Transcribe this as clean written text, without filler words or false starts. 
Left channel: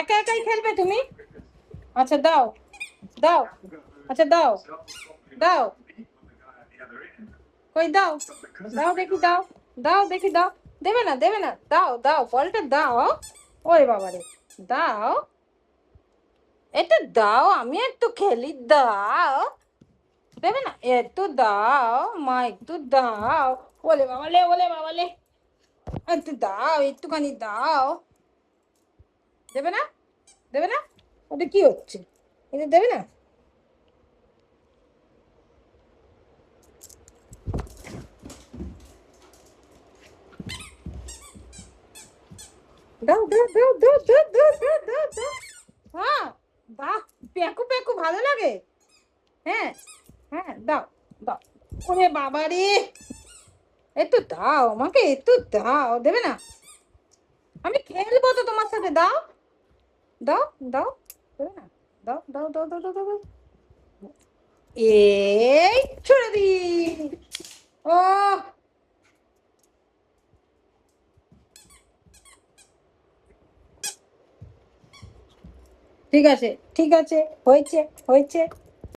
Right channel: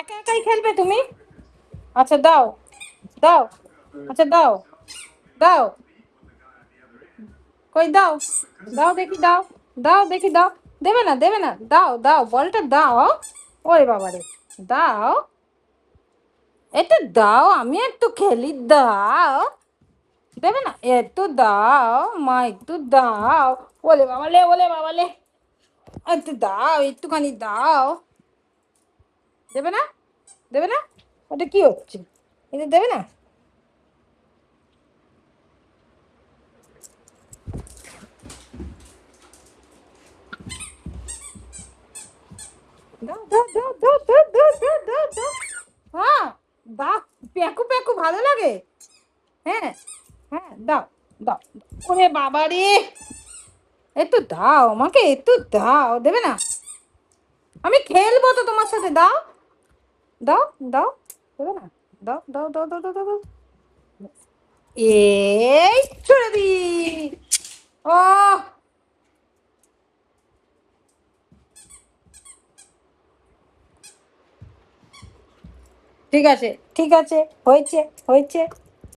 একা একাই খেলবে তুমি? আচ্ছা দাও, দাও, আচ্ছা দাও, দাও, কই দাও, দাও দেখি, দাও, দাও দেখি, দাও। দেবে না, দেবে না, দাও দাও, বলটা দাও। ওরে বাবারে, দাও, এটা দাও, আমি একটু খেলি, দাও। দেবে না, একটু দাও মা, একটু দাও। ওলে বাবালে, ওলে বাবালে, একটু দাও, একটুখানি দাও। দেবে না, দেবে না, ওটা কি হচ্ছে? এটা দেবে না? দাও দাও দাও দাও দাও দাও দাও দাও দাও। হ্যাঁ, বাহ, প্যাকু প্যাকু ভালো লাগে। হ্যাঁ, হ্যাঁ, দাও, দাও। ওরে বাবা রে, একটু দাও আমাকে, একটু দাও। দেবে না? আমি খেলবো তো তোমার সাথে, দাও, দাও, দাও। দেবে না? দাও দাও দাও দাও দাও দাও দাও। এই ছেড়ে দি। ও, ঠিক আছে, ঠিক আছে, হয়েছে, হয়েছে।